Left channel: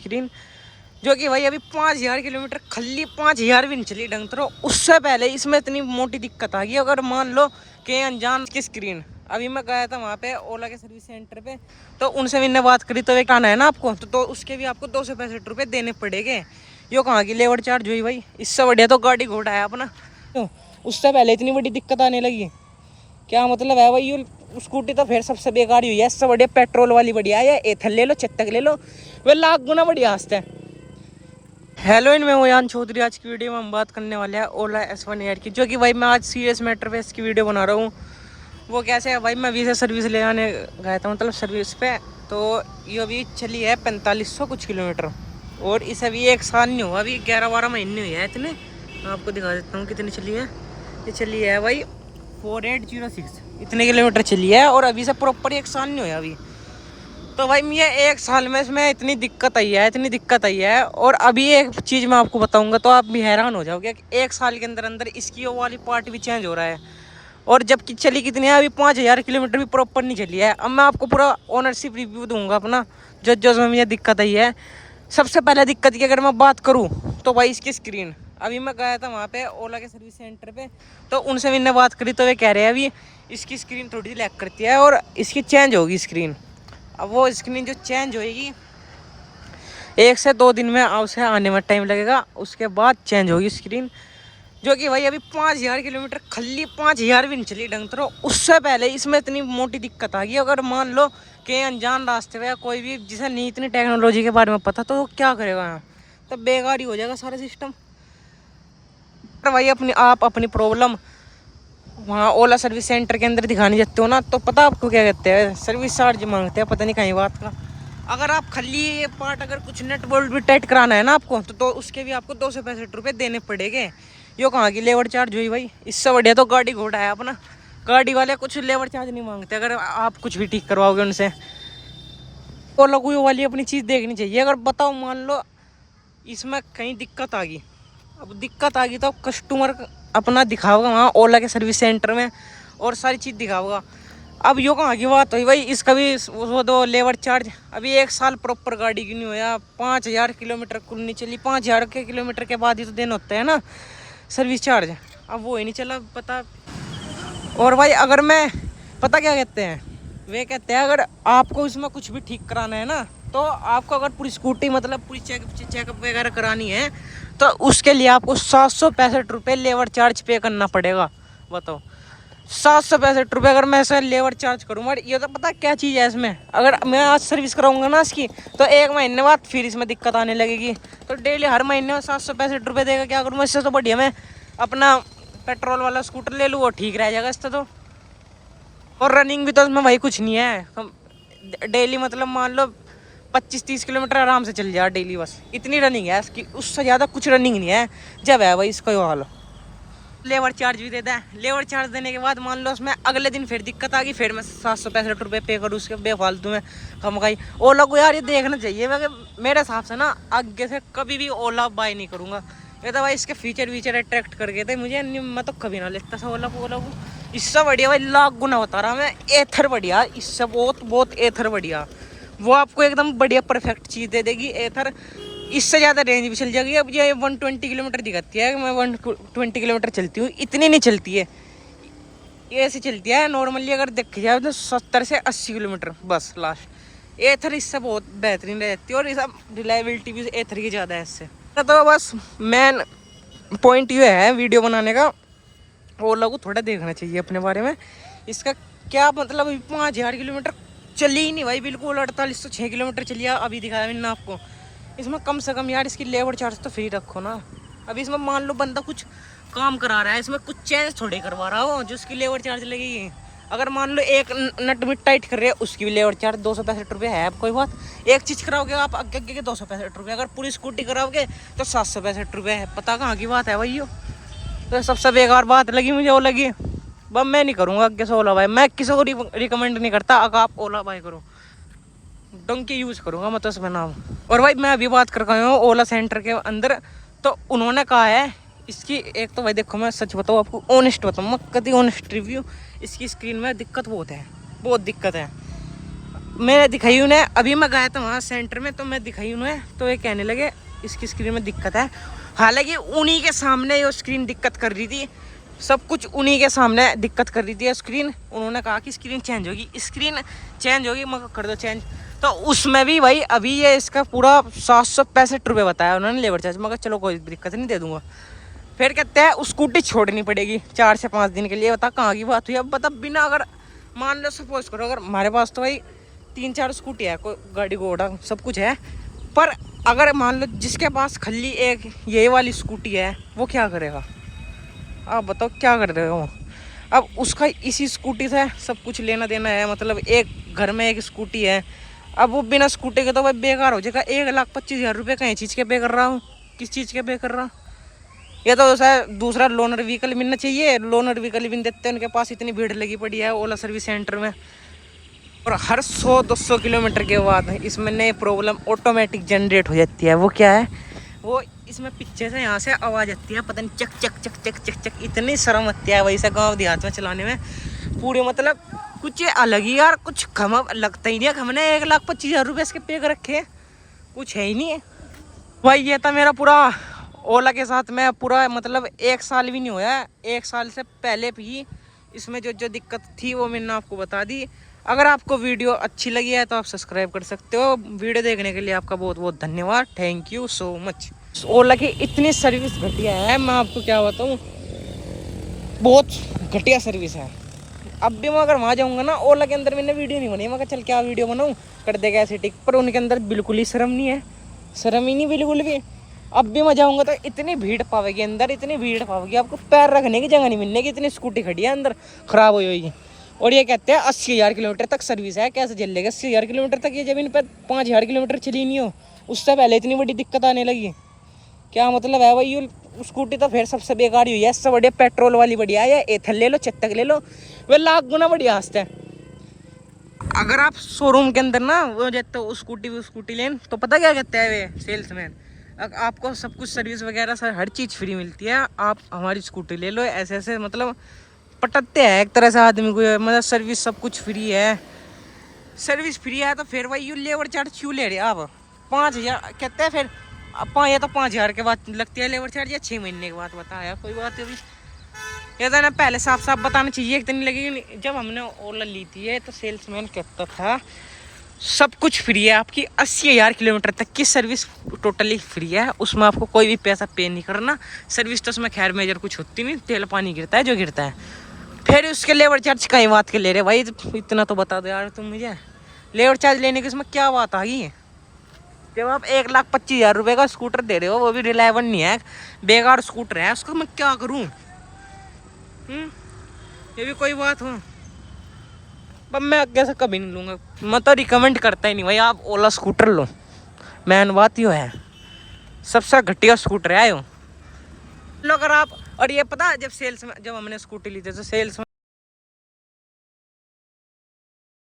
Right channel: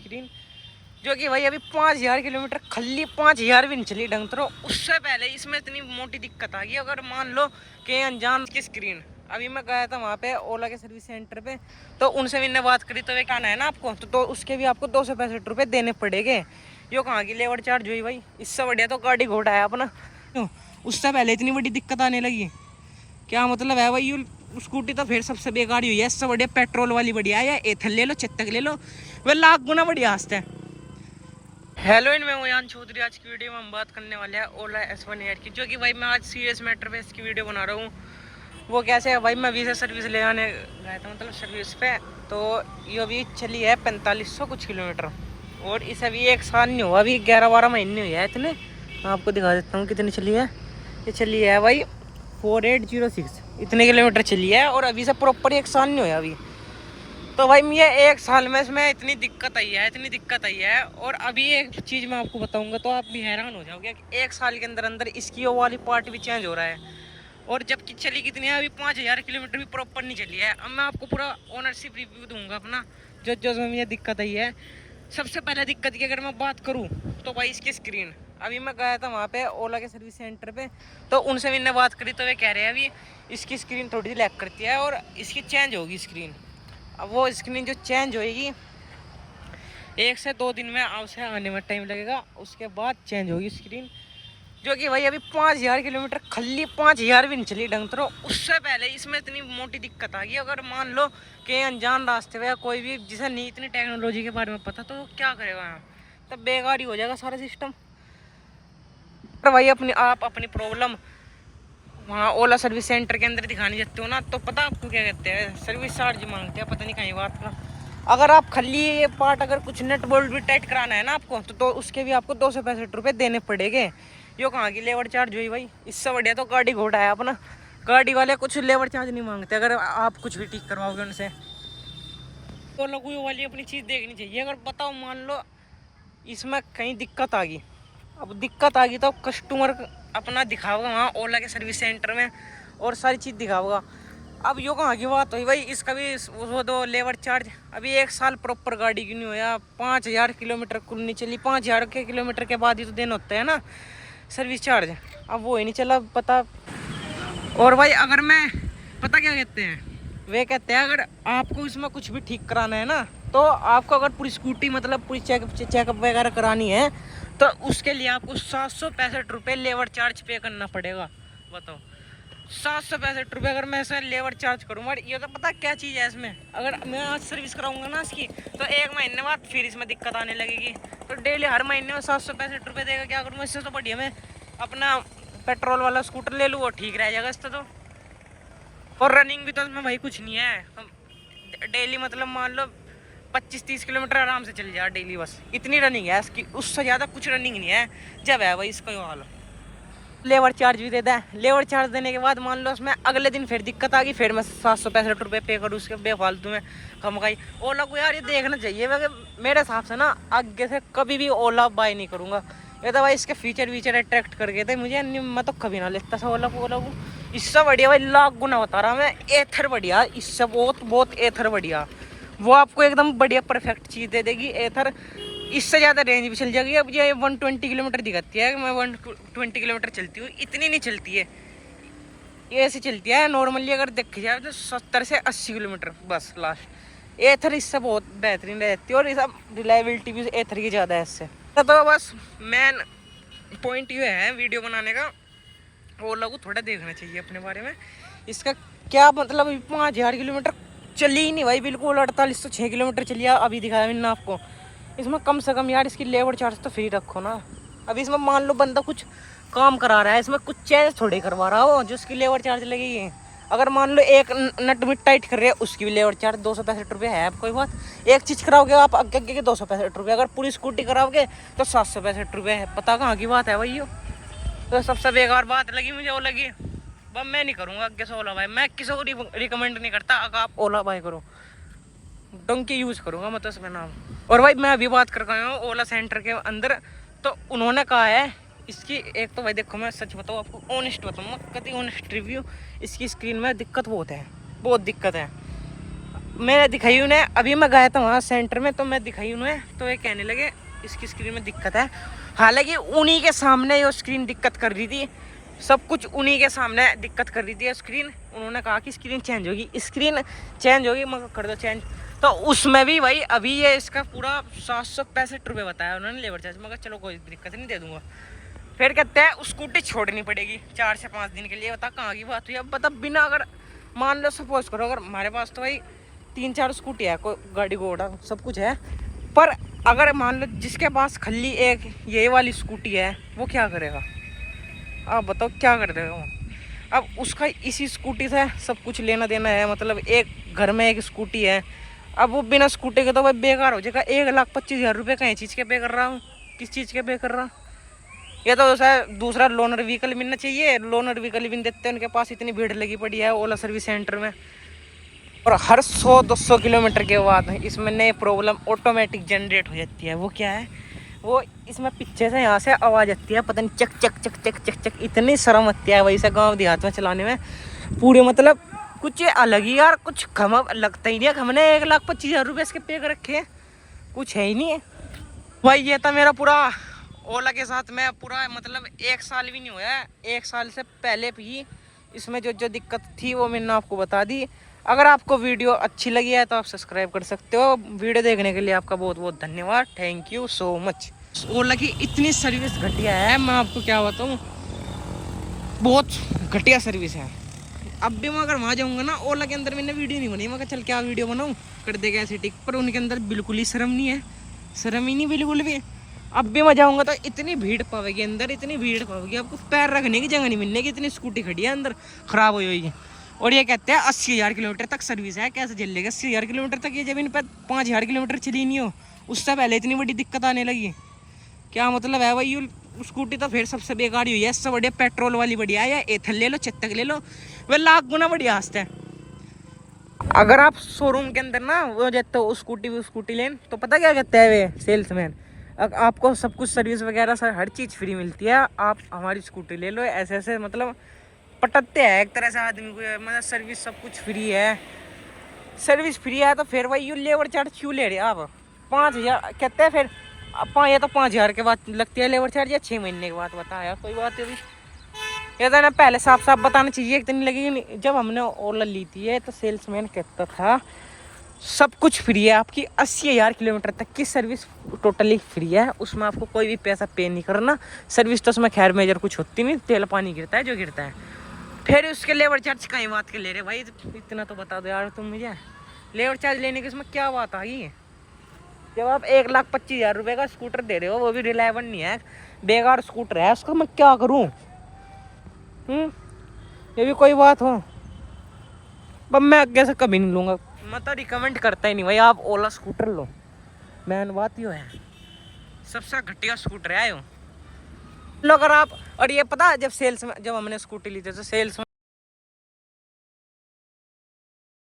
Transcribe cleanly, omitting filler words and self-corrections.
Screen जो कि भाई अभी 5000 किलोमीटर खल्ली 5000 भी नहीं चली ढंग तो उससे पहले इसमें इतनी मोटी दिक्कत आ गई। अगर मान लो कि अनजान की स्क्रीन, अभी मैं गया था वहाँ पे ओला के सर्विस सेंटर पे, तो उनसे मैंने बात करी तो एक आना है ना आपको तो उसके भी आपको 265 देने पड़ेंगे। यो कहाँ की लेबर चार्ज हुई भाई, इससे बढ़िया तो गाड़ी घोड़ा है अपना। क्यों उससे पहले इतनी बड़ी दिक्कत आने लगी, क्या मतलब है भाई। ये स्कूटी तो फिर सबसे बेकार ही हुई है, इससे बढ़िया पेट्रोल वाली बढ़िया है, या एथल ले लो चेतक ले लो, वह लाख गुना बढ़िया हंसते हैं। हेलो इन मैं हूँ यान चौधरी। आज की वीडियो में हम बात करने वाले हैं ओला S1 एयर की, जो कि भाई मैं आज सीरियस मैटर पे इसकी वीडियो बना रहा हूँ। वो कैसे है भाई, मैं अभी से सर्विस ले आने गया था मतलब सर्विस पे, तो ये अभी चली है 4500 कुछ किलोमीटर, और इसे अभी एक साल नहीं हुआ, अभी 11-12 महीने हुए हैं इतने। मैं आपको दिखा देता हूँ कितनी चली है। ये चली है भाई 4806 इतने किलोमीटर चली है, और अभी से प्रॉपर एक साल नहीं हुआ अभी। तो भाई ये एक साल में इसमें इतनी दिक्कत आई है। और अभी एक चीज़ मैं आपको बताऊंगा तो आप भी हैरान हो जाओगे कि एक साल के अंदर अंदर इसकी वो वाली पार्ट भी चेंज हो रहा है, और जबकि चली कितनी है अभी 5000 किलोमीटर भी प्रॉपर नहीं चली है। अब मैं आपको पूरा ओनरशिप रिव्यू दूंगा अपना जो जो में ये दिक्कत आई है। सबसे पहले दिक्कत की अगर मैं बात करूँ तो भाई इसकी स्क्रीन, अभी मैं गया था वहाँ पे ओला के सर्विस सेंटर पे, तो उनसे मैंने बात करी तो वे कह रहे हैं अभी इसकी स्क्रीन थोड़ी सी लैग करती है और इसकी चेंज होगी स्क्रीन। अब वो स्क्रीन जो चेंज होएगी 1 से 2 दिन में उसे आने में टाइम लगेगा, उसके बाद चेंज होगी स्क्रीन। जो कि भाई अभी 5000 किलोमीटर खल्ली 5000 भी नहीं चली ढंग तो उससे पहले इसमें इतनी मोटी दिक्कत आ गई। अगर मान लो कि अनजान रास्ते पे कोई भी जिसे नहीं इतनी टेक्नोलॉजी के बारे में पता तो वो क्या करेगा यहाँ, तो बेकार ही हो जाएगा सारा सिस्टम। पर भाई आप अपनी प्रॉब्लम वहाँ ओला सर्विस सेंटर के अंदर दिखाने जाते हो ना, तो पता आपको क्या कहते हैं, सर्विस चार्ज मांगते हैं पता नहीं कहीं बात का। अगर आप खाली ये पार्ट अगर कुछ नट बोल्ट भी टाइट कराना है ना आपको तो उसके भी आपको 265 देने पड़ेंगे। यो कहाँ की लेबर चार्ज हुई भाई, इससे बढ़िया तो गाड़ी घोड़ा है अपना। गाड़ी वाले कुछ लेबर चार्ज नहीं मांगते अगर आप कुछ भी ठीक करवाओगे उनसे। ओला को वाली अपनी चीज़ देखनी चाहिए। अगर बताओ मान लो इसमें कहीं दिक्कत आ गई, अब दिक्कत आ गई तो कस्टमर अपना दिखाओगा वहाँ ओला के सर्विस सेंटर में और सारी चीज़ दिखाओगा। अब यो कहाँ की बात हुई भाई, इसका भी वो दो लेबर चार्ज। अभी एक साल प्रॉपर गाड़ी क्यों नहीं होया, 5000 किलोमीटर कुल नहीं चली, 5000 के किलोमीटर के बाद ही तो दिन होते हैं ना सर्विस चार्ज। अब वो ही नहीं चला पता। और भाई अगर मैं पता क्या कहते हैं, वे कहते हैं अगर आपको इसमें कुछ भी ठीक कराना है ना तो आपको अगर पूरी स्कूटी मतलब पूरी चेकअप वगैरह करानी है तो उसके लिए आपको 765 लेबर चार्ज पे करना पड़ेगा। बताओ 765 अगर मैं ऐसा लेबर चार्ज करूँगा। ये तो पता क्या चीज़ है इसमें, अगर मैं आज सर्विस कराऊंगा ना इसकी तो 1 महीने बाद फिर इसमें दिक्कत आने लगेगी, तो डेली हर महीने में 765 देगा। क्या करूँ, इससे तो बढ़िया मैं अपना पेट्रोल वाला स्कूटर ले लूँ, वो ठीक रह जाएगा इससे तो। और रनिंग भी तो इसमें भाई कुछ नहीं है, डेली मतलब मान लो 25-30 किलोमीटर आराम से चल जाए डेली, बस इतनी रनिंग है इसकी, उससे ज़्यादा कुछ रनिंग नहीं है। जब है भाई इसका ये हाल। लेबर चार्ज भी देता है, लेबर चार्ज देने के बाद मान लो उसमें अगले दिन फिर दिक्कत आ गई, फिर मैं 765 पे करूँ उसके बेफालतू में खमगाई। ओला को यार ये देखना चाहिए मेरे हिसाब से ना, आगे से कभी भी ओला बाय नहीं करूँगा। ये तो भाई इसके फीचर वीचर अट्रैक्ट कर गए थे मुझे, मैं तो कभी ना लेता था ओला को। इससे बढ़िया भाई लाख गुना बता रहा मैं, एथर बढ़िया, इससे बहुत बहुत एथर बढ़िया। वो आपको एकदम बढ़िया परफेक्ट चीज़ दे देगी एथर। इससे ज़्यादा रेंज भी चल जाएगी। अब ये 120 किलोमीटर दिखाती है, मैं 120 किलोमीटर चलती हूँ, इतनी नहीं चलती है, ये ऐसे चलती है नॉर्मली अगर देखी जाए तो 70 से 80 किलोमीटर बस लास्ट। एथर इससे बहुत बेहतरीन रहती है, और इसका रिलायबिलिटी भी एथर की ज़्यादा है इससे। तो बस मेन पॉइंट ये है वीडियो बनाने का, ओला को थोड़ा देखना चाहिए अपने बारे में। इसका क्या मतलब, अभी 5000 किलोमीटर चली ही नहीं भाई बिल्कुल, 4806 किलोमीटर चली है अभी दिखाया मैंने आपको। इसमें कम से कम यार इसकी लेबर चार्ज तो फ्री रखो ना। अभी इसमें मान लो बंदा कुछ काम करा रहा है, इसमें कुछ चेंज थोड़ी करवा रहा हो जो उसकी लेबर चार्ज लगेगी। अगर मान लो एक नट में टाइट कर रहे हैं उसकी भी लेबर चार्ज 265 है। अब कोई बात, एक चीज़ कराओगे आप आगे आगे के 265, अगर पूरी स्कूटी कराओगे तो 765 है। पता कहाँ की बात है भाई यो। तो सबसे बेकार बात लगी मुझे वो लगी, बस मैं नहीं करूँगा आगे से ओला बाय। मैं किसी को रिकमेंड नहीं करता अगर आप ओला बाय करो, डंकी यूज़ करूँगा मैं तो इसमें नाम। और भाई मैं अभी बात कर रहा हूँ ओला सेंटर के अंदर, तो उन्होंने कहा है इसकी एक तो भाई देखो मैं सच बताऊँ आपको, ऑनेस्ट बताऊँ मैं, कभी ऑनेस्ट रिव्यू, इसकी स्क्रीन में दिक्कत बहुत है, बहुत दिक्कत है। मैं दिखाई उन्हें, अभी मैं गया था वहाँ सेंटर में, तो मैं दिखाई उन्हें, तो ये कहने लगे इसकी स्क्रीन में दिक्कत है। हालांकि उन्हीं के सामने ये स्क्रीन दिक्कत कर रही थी, सब कुछ उन्हीं के सामने दिक्कत कर रही थी स्क्रीन। उन्होंने कहा कि स्क्रीन चेंज होगी, स्क्रीन चेंज होगी, मगर कर दो चेंज। तो उसमें भी भाई अभी ये इसका पूरा 765 रुपये बताया उन्होंने लेबर चार्ज, मगर चलो कोई दिक्कत नहीं, दे दूंगा। फिर कहते हैं स्कूटी छोड़नी पड़ेगी 4 से 5 दिन के लिए। बता कहाँ की बात हुई। अब बता बिना, अगर मान लो सपोज करो, अगर हमारे पास तो भाई 3-4 स्कूटी है, कोई गाड़ी घोड़ा सब कुछ है, पर अगर मान लो जिसके पास खाली एक ये वाली स्कूटी है, वो क्या करेगा? आप बताओ क्या कर देगा वो? अब उसका इसी स्कूटी से सब कुछ लेना देना है, मतलब एक घर में एक स्कूटी है। अब वो बिना स्कूटी के तो भाई बेकार हो जाएगा। 1,25,000 रुपये कहीं चीज़ के पे कर रहा हूँ, किस चीज़ के पे कर रहा? या तो दूसरा लोनर व्हीकल मिलना चाहिए, लोनर व्हीकल भी नहीं देते उनके पास, इतनी भीड़ लगी पड़ी है ओला सर्विस सेंटर में। और हर 100-200 किलोमीटर के बाद इसमें नई प्रॉब्लम ऑटोमेटिक जनरेट हो जाती है। वो क्या है? वो इसमें पीछे से यहाँ से आवाज़ आती है, पता नहीं चक चक चक चक चक चक, इतनी शर्म आती है वैसे गांव देहात में चलाने में पूरे, मतलब कुछ अलग ही यार, कुछ कम लगता ही नहीं है। हमने 1,25,000 रुपये इसके पे कर रखे हैं, कुछ है ही नहीं है भाई। ये था मेरा पूरा ओला के साथ में पूरा, मतलब 1 साल भी नहीं हुआ है, 1 साल से पहले भी इसमें जो जो दिक्कत थी वो मैंने आपको बता दी। अगर आपको वीडियो अच्छी लगी है तो आप सब्सक्राइब कर सकते हो। वीडियो देखने के लिए आपका बहुत बहुत धन्यवाद, थैंक यू सो मच। ओला की इतनी सर्विस घटिया है, मैं आपको क्या बताऊँ, बहुत घटिया सर्विस है। अब भी मैं अगर वहाँ जाऊँगा ना, ओला के अंदर मैंने वीडियो नहीं बनाई, मैं चल क्या वीडियो बनाऊँ, कर देगा ऐसे टिक, पर उनके अंदर बिल्कुल ही शर्म नहीं है, शर्म ही नहीं बिल्कुल भी। अब भी मैं जाऊँगा तो इतनी भीड़ पावेगी अंदर, इतनी भीड़ पावेगी, आपको पैर रखने की जगह नहीं मिलने की, इतनी स्कूटी खड़ी है अंदर खराब हुई हुई। और ये कहते हैं 80,000 किलोमीटर तक सर्विस है, कैसे चल लेगा 80,000 किलोमीटर तक? ये जब इन पर 5,000 किलोमीटर चली नहीं हो, उससे पहले इतनी बड़ी दिक्कत आने लगी, क्या मतलब है भाई? ये स्कूटी तो फिर सबसे बेकार ही हुई है, इससे बढ़िया पेट्रोल वाली बढ़िया है, या एथल ले लो, चेतक ले लो, वह 1,00,000 गुना बढ़िया हंसते हैं। अगर आप शोरूम के अंदर ना वो जाते हो स्कूटी लेन, तो पता क्या कहते हैं वे सेल्समैन, आपको सब कुछ सर्विस वगैरह सर हर चीज़ फ्री मिलती है, आप हमारी स्कूटी ले लो, ऐसे ऐसे मतलब पटकते हैं एक तरह से आदमी को, मतलब सर्विस सब कुछ फ्री है, सर्विस फ्री है तो फिर भाई यू लेबर चार्ज क्यों ले रहे आप? 5,000 कहते हैं, फिर ये तो 5,000 के बाद लगती है लेबर चार्ज, या 6 महीने के बाद बताया, कोई बात है अभी। ये तो ना पहले साफ साफ बताना चाहिए, इतनी लगेगी। जब हमने ओला ली थी है तो सेल्समैन कहता था सब कुछ फ्री है, आपकी 80,000 किलोमीटर तक की सर्विस टोटली फ्री है, उसमें आपको कोई भी पैसा पे नहीं करना। सर्विस तो उसमें खैर मेजर कुछ होती नहीं, तेल पानी गिरता है जो गिरता है, फिर उसके लेबर चार्ज कई बात के ले रहे भाई, इतना तो बता दो यार तुम मुझे, लेबर चार्ज लेने की इसमें क्या बात आ गई? जब आप 1,25,000 रुपये का स्कूटर दे रहे हो, वो भी रिलायबल नहीं है, बेकार स्कूटर है, उसको मैं क्या करूँ? ये भी कोई बात हो? अब मैं आगे से कभी नहीं लूँगा, मैं तो रिकमेंड करता ही नहीं भाई, आप ओला स्कूटर लो, मैन बात ही है, सबसे घटिया स्कूटर है यो लो। अगर आप, और ये पता जब हमने स्कूटी ली थी तो सेल्स में